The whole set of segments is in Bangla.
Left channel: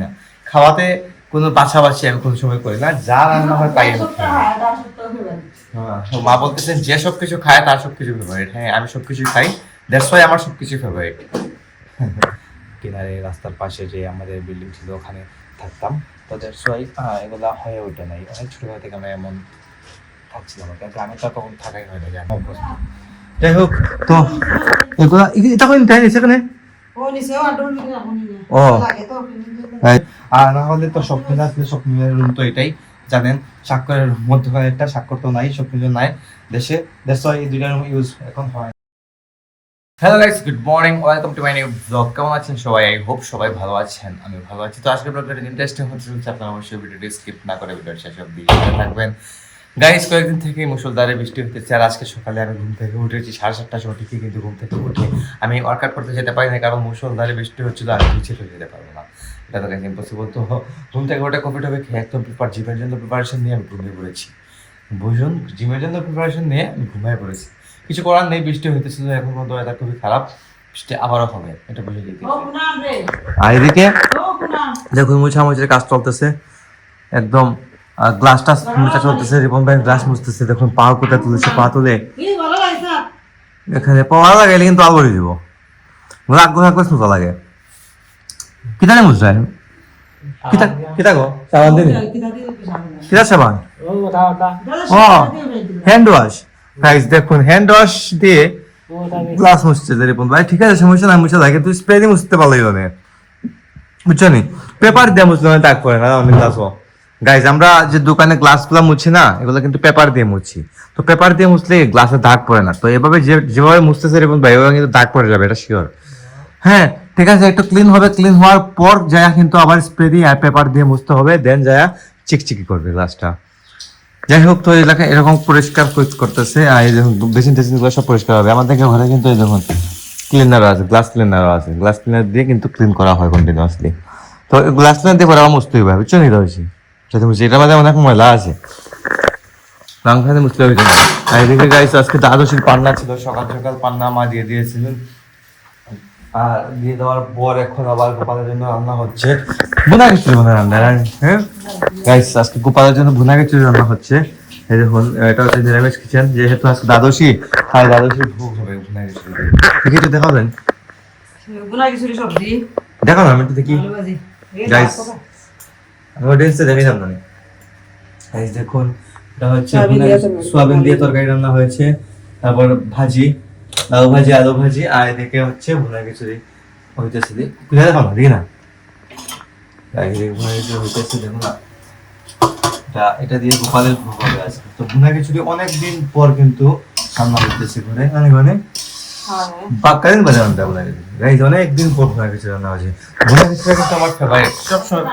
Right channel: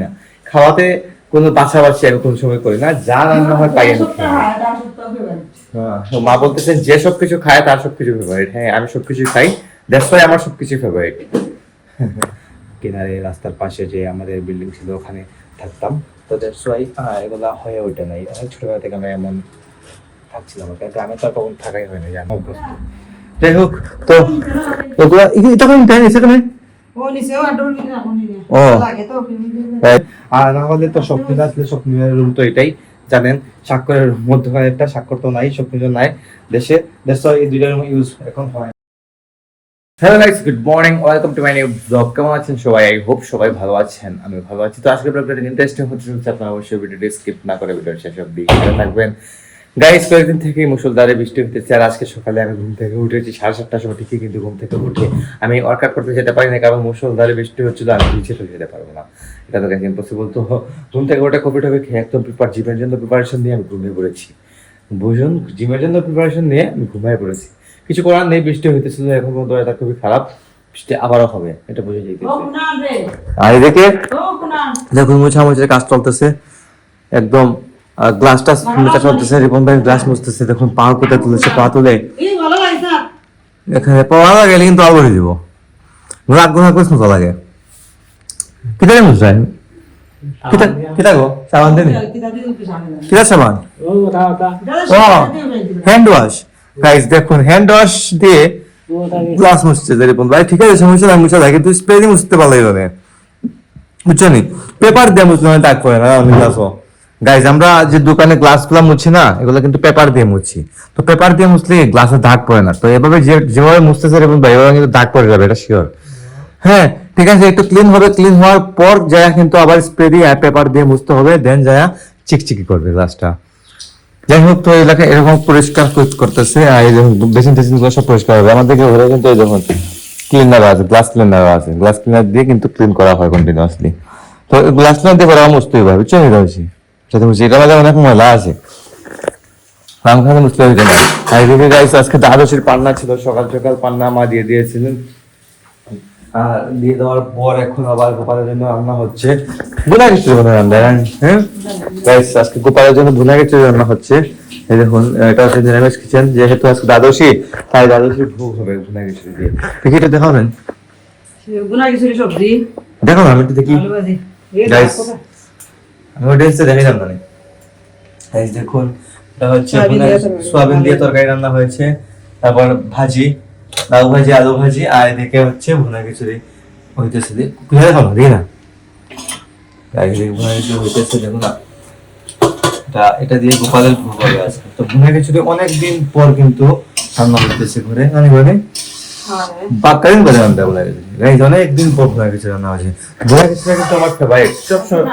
না, খাওয়াতে কোনো বাছাবাছি আমি কোনো সময় করি না, যা রান্না হয় তাই আমি খাই। হ্যাঁ, তো মা বলতেছেন যে সবকিছু খায় তার সবকিছু ফেভারিট। হ্যাঁ, আমি সবকিছু খাই, দ্যাটস ওয়াই আমার সবকিছু ফেভারিট। কিনারে রাস্তার পাশে যে আমাদের বিল্ডিং ছিল ওখানে থাকতাম, তো দ্যাটস ওয়াই এগুলা হয়ে ওঠে নাই। ছোটবেলা থেকে আমি এমন থাকছিলাম, কিন্তু আমি তো আর কখন থাকাই হয় না, যে আমি অভ্যস্ত। যাই হোক, তো এগুলা এটা কোন টাইম সেখানে ও right. আর না হলে তো স্বপ্নিল আসলে স্বপ্নিলের রুম তো এটাই জানেন, স্বাক্ষরের রুম মধ্যে হয় একটা, স্বাক্ষর তো নাই, স্বপ্নিল নাই দেশে, দ্যাটস ওয়াই এই দুইটা রুম ইউজ এখন হয়। Hello guys, good morning, welcome to my new blog. কেমন আছেন সবাই? আই হোপ সবাই ভালো আছেন, আমি ভালো আছি। তো আজকে ব্লগটা ইন্টারেস্টিং হচ্ছে, আপনারা অবশ্যই ভিডিওটি স্কিপ না করে ভিডিওর শেষ অবধি দেখতে থাকবেন। গাইস, কয়েকদিন থেকেই মুষলধারে বৃষ্টি হতেছে, আর আজকে সকালে আমি ঘুম থেকে উঠেছি 7:30টার সময়, ঠিকই কিন্তু ঘুম থেকে উঠে আমি ওয়ার্কআউট করতে যেতে পারি না, কারণ মুষলধারে বৃষ্টি হচ্ছিল, আমি নিচে চলে যেতে পারবো না, এটা তো গাইস ইম্পসিবল। তো ঘুম থেকে উঠে কফি টফি খেয়ে একদম জিমের জন্য প্রিপারেশন নিয়ে আমি ঘুমিয়ে পড়েছি। বুঝুন, জিমের জন্য প্রিপারেশন নিয়ে আমি ঘুমিয়ে পড়েছি। কিছু করার নেই, বৃষ্টি হইতেছিল, এখন পর্যন্ত এটা খুবই খারাপ, বৃষ্টি আবারও হবে, এটা বুঝে যেতেছে। আর এদিকে দেখুন মোছামুছির কাজ চলতেছে, একদম গ্লাসটা মেটা চলতেছে, রিপন ভাই গ্লাস মুছতেছে, দেখুন পা কোথায় তুলেছে, পা তুলে এখানে পাওয়া লাগে, কিন্তু আবার হয়ে যাবো, রাগ গোনা করে মজা লাগে। কিতা রে মুছাই কিতা কিতা গো সাবান দিবি, কিতা সাবান? ও হ্যান্ড ওয়াশ। গাইস দেখুন, হ্যান্ড ওয়াশ দিয়ে গ্লাস মুছছে যে রিপন ভাই, ঠিক আছে সমস্যা নাই, মুছা থাকে, তুই স্প্রে দিয়ে মুছতে পারলাই হবে, বুঝছো নি? পেপার দিয়ে মুছলে মানে দাগ পড়ে না আমি গ্লাসও। গাইজ, আমরা যে দোকানে গ্লাস গুলা মুছি না, এগুলো কিন্তু পেপার দিয়ে মুছি। তো পেপার দিয়ে মুছলে গ্লাসে দাগ পড়ে না, তো এভাবে যেভাবে মুছতেছে এরকম ভাই, এভাবে কিন্তু দাগ পড়ে যাবে, এটা শিওর। হ্যাঁ ঠিক আছে, একটু ক্লিন হবে, ক্লিন হওয়ার পর যায় কিন্তু আবার স্প্রে দিয়ে পেপার দিয়ে মুছতে হবে, দেন যায় চিকচিকি করবে গ্লাসটা। যাই হোক, তো এলাকা এরকম পরিষ্কার করতেছে, আর এই দেখুন বেসিন টেসিন গুলো সব পরিষ্কার হবে আমাদেরকে ঘরে, কিন্তু এই দেখুন ক্লিনার আছে, গ্লাস ক্লিনার আছে, গ্লাস ক্লিনার দিয়ে কিন্তু ক্লিন করা হয় কন্টিনিউয়াসলি। তো গ্লাস ক্লিনার দিয়ে পরে আমার মুছতে হবে, বুঝছো নি? রয়েছি যাতে বুঝছি এটা মাঝে অনেক ময়লা আছে, রামখানে মুছতে হইতো না। আর এদিকে গাইস, আজকে দ্বাদশীর পান্না ছিল, সকাল সকাল পান্না মা দিয়ে দিয়েছিলেন, আর দিয়ে দেওয়ার পর এখন আবার গোপালের জন্য রান্না হচ্ছে ভুনা খিচুড়ি, রান্না। হ্যাঁ গাইস, আজকে গোপালের জন্য ভুনা খিচুড়ি রান্না হচ্ছে। এই দেখুন, এটা হচ্ছে নিরামিষ কিচেন, যেহেতু আজকে দ্বাদশী, তাই দ্বাদশী ভোগ হবে ভুনা খিচুড়ি দিয়ে। দেখি এটা দেখাও না, ভুনা খিচুড়ি সবজি দেখাও না, আমি একটু দেখি গাইস, আমি দেখতে দেখি না। গাইস দেখুন, এটা হচ্ছে সোয়াবিন দিয়ে তরকারি রান্না হয়েছে, তারপর ভাজি, লাউ ভাজি, আলু ভাজি, আর এদিকে হচ্ছে ভুনা খিচুড়ি হইতেছে। দেখো না, দেখি না গাইস, ভুনা খিচুড়ি হইতেছে, দেখো না। এটা দিয়ে গোপালের ভোগ হবে আজকে। তো ভুনা খিচুড়ি অনেকদিন পর কিন্তু রান্না হইতেছে ঘরে, মানে ঘরে বাক্কারিন বলে রান্না বলে গাইস, অনেকদিন পর ভুনা খিচুড়ি রান্না হয়েছে। ভুনা খিচুড়ি কিন্তু আমার ফেভারিট, সবসময়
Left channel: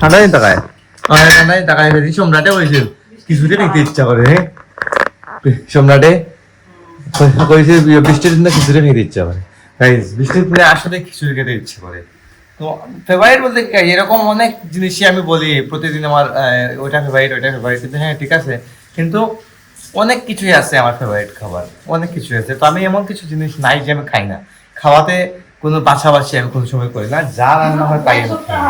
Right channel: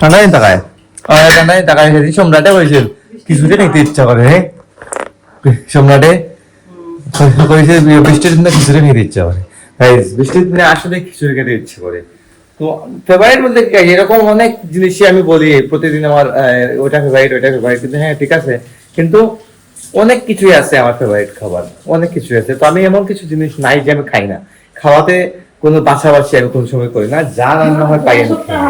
ঠান্ডা দিন তাকায়, ঠান্ডা দিন তাকায় সম্রাটে বলছিল খিচুড়ি নিতে ইচ্ছা করে, সম্রাটে বৃষ্টির দিনে খিচুড়ি খেতে ইচ্ছা করে, বৃষ্টির দিনে আসলে খিচুড়ি খেতে ইচ্ছে করে। তো ফেভারিট বলতে কি, এরকম অনেক জিনিসই আমি বলি প্রতিদিন আমার ওইটা ফেভারিট, ওইটা ফেভারিট, কিন্তু হ্যাঁ ঠিক আছে, কিন্তু অনেক কিছুই আছে আমার ফেভারিট খাবার, অনেক কিছুই আছে। তো আমি এমন কিছু জিনিস নাই যে আমি খাই না, খাওয়াতে কোনো বাছাবাছি আমি কোনো সময় করি না, যা রান্না হয় তাই আমি খাই।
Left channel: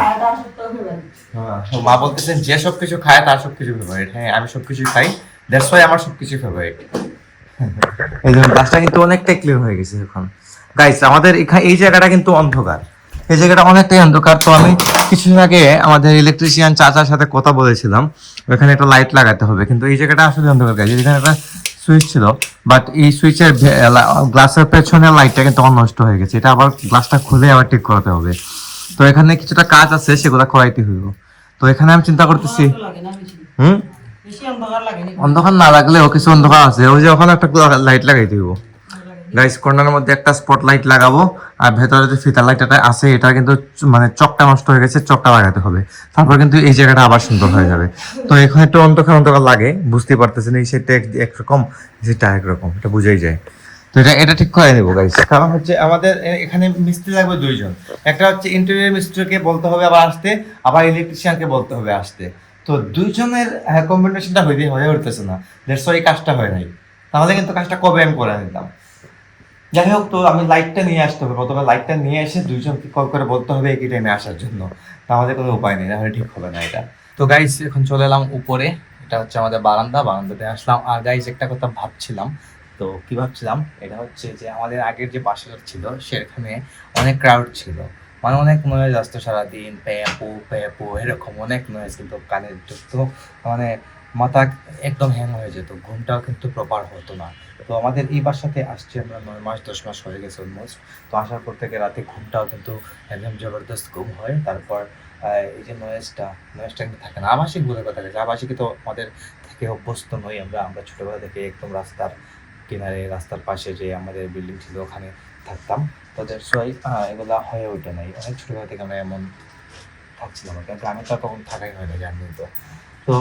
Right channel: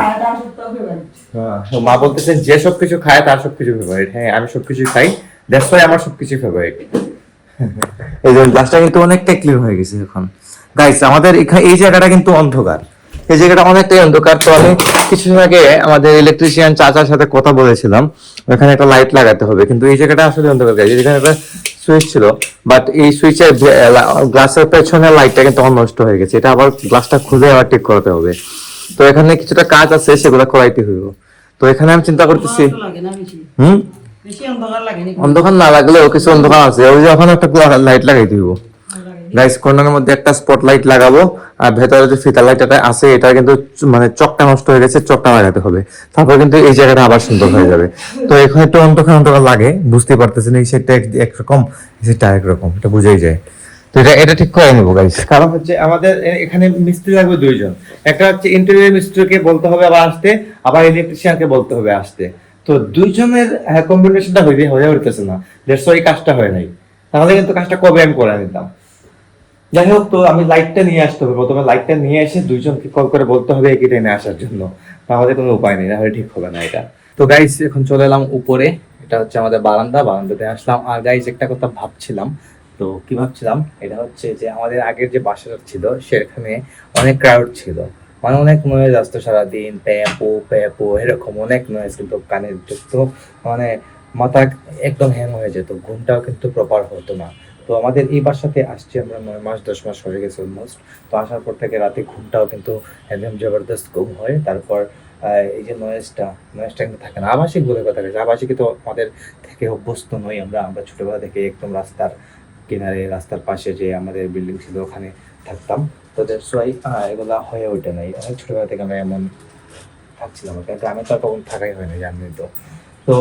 হ্যাঁ, তো মা বলতেছেন যে সবকিছু খায় তার সবকিছু ফেভারিট। হ্যাঁ, আমি সবকিছু খাই, দ্যাটস ওয়াই আমার সবকিছু ফেভারিট। এই যে গাছটা কিন্তু অনেকটা ক্লিয়ার হয়ে গেছে এখন। গাইস, আমাদের এই জায়গাটা কিন্তু অন্ধকার, এই জায়গাটা অনেকটাই অন্ধকার। তো আমি কিছুদিন আগে আমাদের ইলেকট্রিশিয়ান চাচার সাথে কথা বলেছিলাম, এখানে একটা লাইট লাগাতে হবে, কিন্তু এই জায়গাটা আসলে অন্ধকার। গাইস, এখানে একটা সুইচ ছিল, বাট এই সুইচের গ্লাসের পেছনে লাইটটা কিন্তু নষ্ট হয়ে গেছে, এটা আবার গ্লাসটা খুলে আবার ঠিক করাতে হবে। তো এখানে কিছুটা কাজ আছে, সেগুলো করাইতে হইব। তো এখানে আমি চিন্তা করতেছি, অন্ধকার না লাগলেও কিছু অন্ধকার আছে, ওই যে ওখানে একটা লাইট লাগাই দিব। গাইস, কর্নারের মধ্যে একটা স্পট লাইট লাগাবো, আর ভেতরে যে ফিতা লাইটটা আছে এটা কিন্তু মানে চকটা নষ্ট হয়ে গেছে, চকটা লাগাতে হবে, তারপর কিন্তু এই জায়গাটা আবার সুন্দর হয়ে যাবে। তো এখানে একটু অন্ধকার অন্ধকার লাগে, বুঝতে পারতেছেন, এই সেটটা একরকম, এই সেটটা একরকম, এটা বুঝাই যায়। তো এটা ঠিক করে নেবো গাইস, কারণ হচ্ছে আমাদের এখানে মিস্ত্রি লাগবে দুইজন, একটা হচ্ছে ইন্টেরিয়র মিস্ত্রিকে বলতে হবে আবার আসতে, আবার ইলেকট্রিশিয়ানকে বলতে হবে আসতে। তো দুইজনের কম্বিনেশনটা হয়ে উঠতেছে না, দ্যাটস ওয়াই কাজটা হয় নাই, তাহলে কিন্তু কাজটা কবে আমি করে নিতাম। যাই হোক, তো আমি লাইটটা নিয়ে আসতে হবে, প্রথমে লাইটটা নিয়ে এসে দুইজনকে কল করে বলতে হবে এগিয়ে টেনে আসার জন্য, তাহলে কোনো উপায় নেই, তাহলে ঠিক হবে না এটা। তো গাইস এখন চলে এলাম উপরে, এটা হচ্ছে আমাদের বারান্দাতে আসলাম। আর গাইস একটা কথা ভাবছিলাম, তো কি ভাবছিলাম, এটা হচ্ছে যে আমাদের আগের যে বাসাটা ছিল সেখানে অনেক ক্রাউড ছিল, মানে অনেক নয়েজ আসতো সারাদিন, প্যাপো প্যাপো এরকম অনেক নয়েজ, কিন্তু কানে ঢুকতো, মানে মাথা একদম হ্যাং হয়ে যেত, ঘুমটাও কিন্তু প্রপার হতো না। তো আমাদের এই বাসাতে আসছি আমরা 9 মাস 10 মাস হয়ে গেছে অলমোস্ট। তো আসার পর থেকে রাতে ঘুমটাও কিন্তু একদম জবরদস্ত ঘুম হয়। তারপর এই যে নয়েজটা কিন্তু থাকে না। আবাসিক বলে কথা গেছে, আবাসিকে তো আমাদের থেকে অভ্যস্ত নই আমরা ছোটবেলা থেকে একদম রাস্তার কিনারে, রাস্তার পাশে যে আমাদের বিল্ডিং ছিল ওখানে থাকতাম। তো দ্যাটস ওয়াই এগুলা হয়ে ওঠে নাই, ছোটবেলা থেকে আমরা এমন থাকছিলাম, কিন্তু আমি তো আর তখন থাকাই হয় না, জানি তো। তো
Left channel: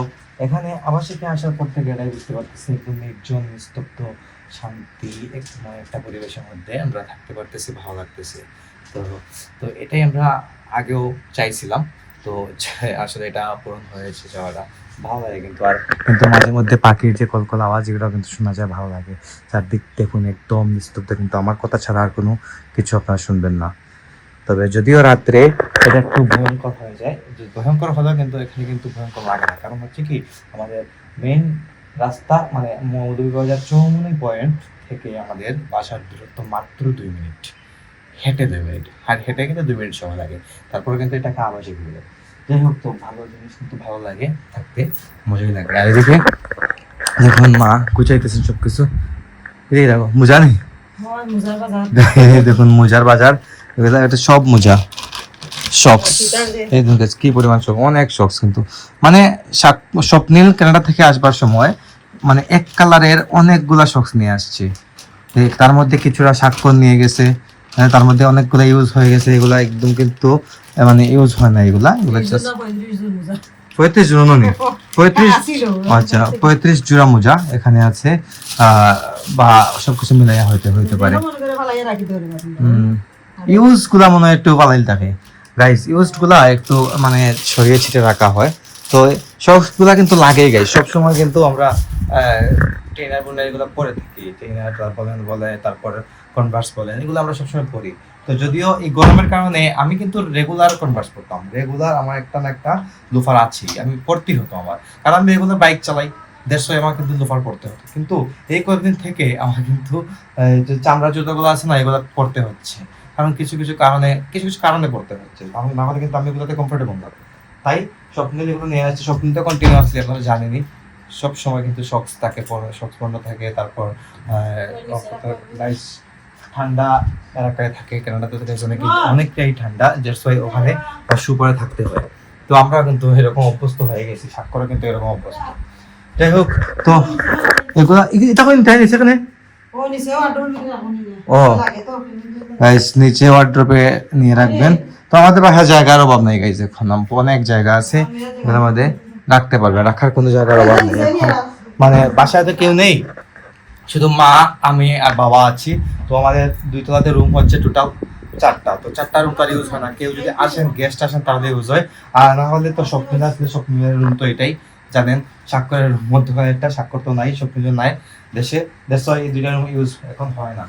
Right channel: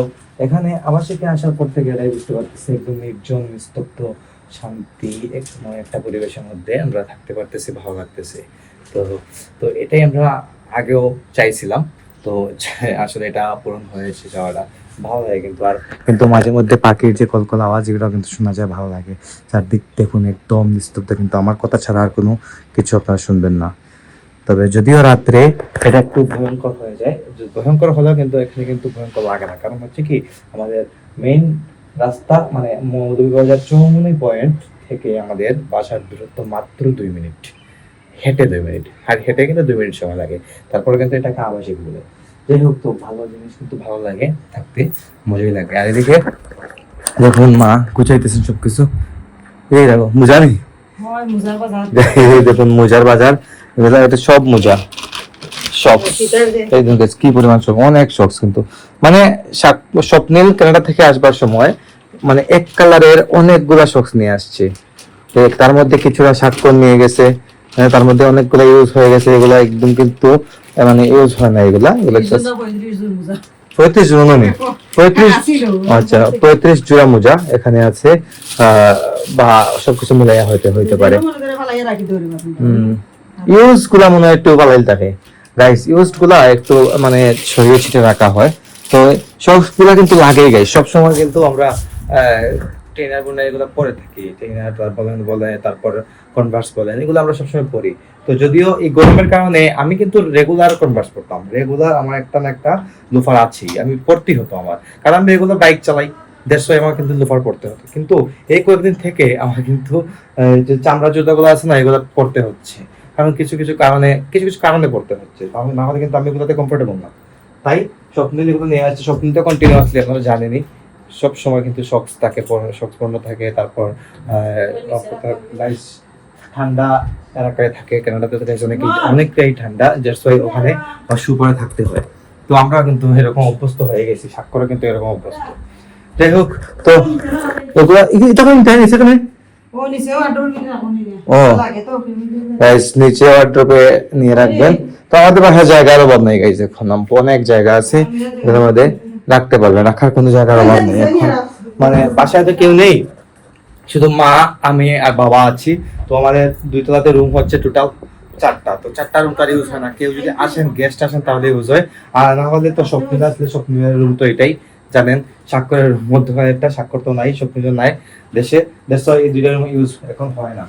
এখানে আবাসিকে আসার পর থেকে এটাই বুঝতে পারতেছি, একদম নির্জন নিস্তব্ধ শান্তি একটা পরিবেশের মধ্যে আমরা থাকতে পারতেছি, ভালো লাগতেছে। তো তো এটাই আমরা আগেও চাইছিলাম। তো আসলে এটা পূরণ হয়েছে যাওয়াটা, ভালো লাগে। কিন্তু মাঝে মধ্যে পাখির যে কলকল আওয়াজ, এগুলো কিন্তু শোনা যায়, ভালো লাগে। চারদিক দেখুন একদম নিস্তব্ধ, কিন্তু আমার কথা ছাড়া আর কোনো কিছু আপনারা শুনবেন না। তবে যদিও রাত্রে এটা একটু ভয়ঙ্কর হয়ে যায়, যে ভয়ঙ্কর হলেও কিন্তু এখানে কিন্তু ভয়ঙ্কর লাগে না, কারণ হচ্ছে কি আমাদের মেইন রাস্তা মানে মৌলভীবাজার চৌমুহনী পয়েন্ট থেকে আমাদের বাসার দূরত্ব মাত্র 2 মিনিট, হেঁটে 2 মিনিট, আর হেঁটে কিন্তু 2 মিনিট সময় লাগে। তারপরে কিন্তু এটাকে আবাসিক বলে। যাই হোক, তো ভালো জিনিস কিন্তু ভালো লাগে থাকতে, মজাই লাগে। আর এদিকে দেখুন মা গুছাইতেছেন সবকিছু, এই দেখো মোজা নেই, হয় মুজার বাজার দেখুন মোজার বাজার, এটা সব মোজা শক্স, এই দেখুন guys, কি পরিমাণ শখ, অনেক শখ কিন্তু, মানে স্বপ্নিল কানাডা থেকে আসবার সময় মানে এক কালারের অনেকগুলা শক্স নিয়ে আসছে। তার মধ্যে কিছুটা স্বাক্ষর নিয়ে গেছে, তার মধ্যে অনেকগুলা ইউজ হয়ে গেছে, এগুলা একদম কিন্তু মানে ইউজ হয় না, এগুলা জাস্ট 35 জোড়া নেই, 35, আচ্ছা 35 জোড়া মোজা এখানে আছে। বা সবকিছু মিলাই হইতে পারে। ইউজ গুলা মনে হয় একটু ভালোই থাকে গাইস, ইউজড গুলা একটু মানে ছড়িয়ে ছিটিয়ে রাখা হয়। তো সব গুলা কিন্তু লাগেই গাইস, সব সময় কিন্তু আমরা ট্রেনার বলে এগুলো পরে থাকি, ট্রেনার বলে, তারপর কনভার্স বলেন, এগুলো আমরা সবসময় পরি। তো যদিও এই গরমের কারণে আমি কিন্তু রেগুলার কনভার্স পড়তাম, রেগুলার আমার একটা না একটা লোফার আছেই, আমি পড়তেই হতো আমার, কারণ আমি রেগুলার বাইক চালাই, দেড়শো আমার কিন্তু লোফার পড়তে হতো। কিন্তু এই কয়েকদিন থেকে আমার কিন্তু যে চামড়া জুতাগুলো আছে না, এগুলো পড়তে হচ্ছে, কারণ কিছু কারণে পড়তে হচ্ছে, না হলে কিন্তু আমি এগুলোতে কমফোর্টেবল না। তাই স্বপ্নিল এগুলো নিয়ে আসছে, স্বপ্নিল তো কন্টিনিউয়াসলি আপনারা জানেনই, সব সময় কিন্তু শক্স থাকে, শক্স পণ্য থাকে। তারপর নাইস ঠান্ডা এলাকায় থাকে, কানাডাতে তো অনেকটাই ঠান্ডা, জাস্ট ওখানে শু পরে থাকতে হয়। তো আমরা কিন্তু এরকম অভ্যস্ত হয়ে গেছি, স্বাক্ষরে কিন্তু এরকম অভ্যস্ত। যাই হোক, তো এগুলা তখন তাই সেখানে গাইস নিচে ওয়ার্ড্রপে নিয়ে রাখবেন। তো আমাদের বাসায় জায়গার অভাব নেই গাইস, এখন অনেক জায়গা আছে, এর মধ্যে রাখতে পারবেন, রাখার কোনো জায়গার অভাব নেই এখন। মানে বাসায় তো কেউ নেই, শুধু মা, আমি আর বাবা আছি। তো আমাদের 2 তলাতে রুম হচ্ছে টোটাল 4টা, তো 4টা রুম তার ইউজ হয় না, কেউ যদি আসেন গেস্ট আসেন তাহলে ইউজ হয়, আর না হলে তো স্বপ্নিল আসলে স্বপ্নিলের রুম তো এটাই জানেন, স্বাক্ষরের মধ্যে একটা স্বাক্ষর তো নাই, স্বপ্নিল নাই দেশে, এই 2টা রুম ইউজ এখন হয় না।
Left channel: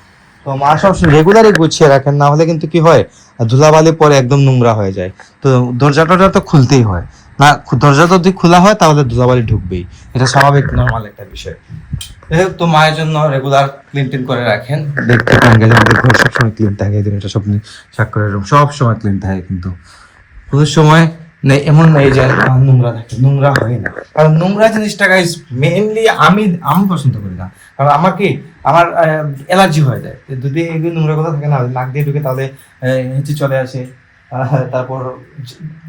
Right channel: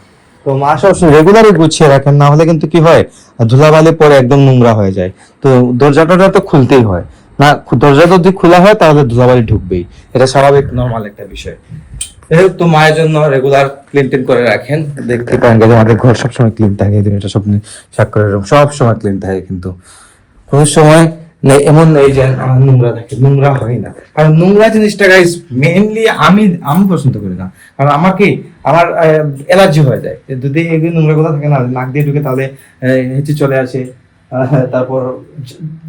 তো মা সবসময় রেগুলারই গুছিয়ে রাখেন, না হলে কিন্তু কি হয় ধুলাবালি পরে একদম নোংরা হয়ে যায়। তো দরজাটা তো খুলতেই হয়, না দরজা যদি খোলা হয় তাহলে ধুলাবালি ঢুকবেই, এটা স্বাভাবিক নর্মাল একটা বিষয়। যাই হোক, তো মায়ের জন্য রেগুলার ক্লিন টিন করে রাখেন, দেখতে পান গেলে আমাদের ঘর সবসময় ক্লিন থাকে, এটা সব স্বাক্ষরের রুম সব সময় ক্লিন থাকে, কিন্তু কোনো সময় নেই এমন নেই যে নোংরা থাকে, নোংরা হয় না, কারণ নোংরা জিনিসটা গাইস মেইনলি আমি পছন্দ করি না, কারণ আমার অ্যালার্জি হয়ে যায় যদি এই নোংরা গুলো থাকে না, নাক দিয়ে ঢুকে তাহলে নিচে চলে আসে, তারপর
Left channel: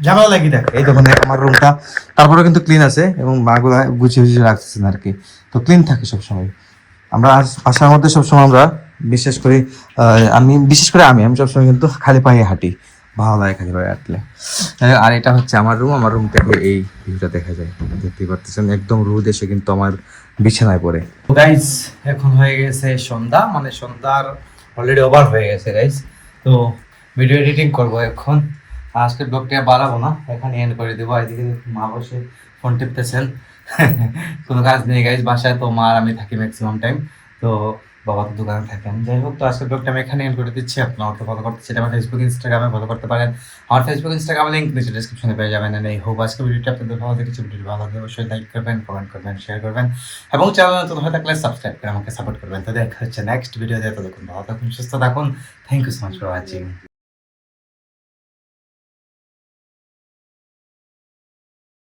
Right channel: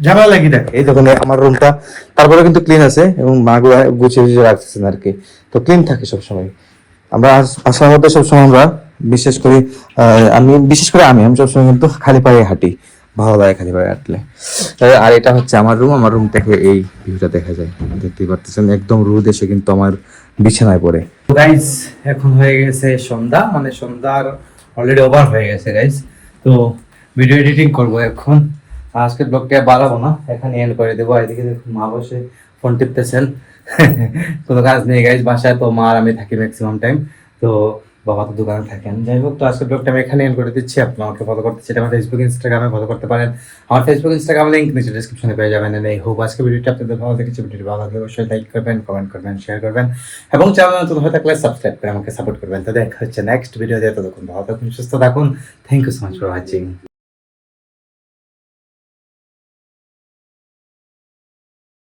ঝামেলা লাগি থাকে। এই দোকানে আমার রুমটা তারপরে কিন্তু ক্লিন আছে, এবং মা গুলা গুছিয়ে রাখছেন আর কি, তো ক্লিন থাকে সবসময়। আমরা আসার মধ্যে সবসময় আমরা বিশেষ করে আমি সবসময় কিন্তু খালি পায়ে হাঁটি, ভালো লাগে খালি পায়ে হাঁটলে। আর এটা হচ্ছে আমার রুম থেকে এই ভিউটা দেখা যায়, দেখতেই পারতেছেন, একদম রোদ এসে কিন্তু আমার বিছানায় পড়ে। গাইস এখন হয়ে গেছে সন্ধ্যা, মানে সন্ধ্যার অলরেডি ওভার হয়ে গেছে গাইস। তো ভিডিও এডিটিং করবো এখন, আজকের ব্লগটা বাড়াবো না, এখানে এন্ড করে দেবো। এদিকে মা বসে ফোন টিপতেছেন কোনো কাজ নেই গাইস, বাসায় তো মা আর আমি থাকি ম্যাক্সিমাম টাইম। তো বাবা তো দোকানে থাকেন। যাই হোক, তো আজকে ব্লগটা আমি এখানে এন্ড করে দিচ্ছি। আপনি আমাকে ফলো করতে চাইলে আমার ফেসবুক ইনস্টাগ্রামে ফলো করতে পারেন। আমার ফেসবুক ইনস্টাগ্রাম লিঙ্ক নিচে ডিসক্রিপশনে পেয়ে যাবেন। এই হোপ আজকে ভিডিওটা আপনাদের ভালো লেগেছে। ভিডিওটি ভালো লাগলে অবশ্যই লাইক করবেন, কমেন্ট করবেন, শেয়ার করবেন এবং চ্যানেল নতুন হয়ে থাকলে সাবস্ক্রাইব করে আমাকে সাপোর্ট করবেন। তো দেখা হচ্ছে নেক্সট ভিডিওতে। ততক্ষণ ভালো থাকুন, সুস্থ থাকুন। Thank you so much for watching.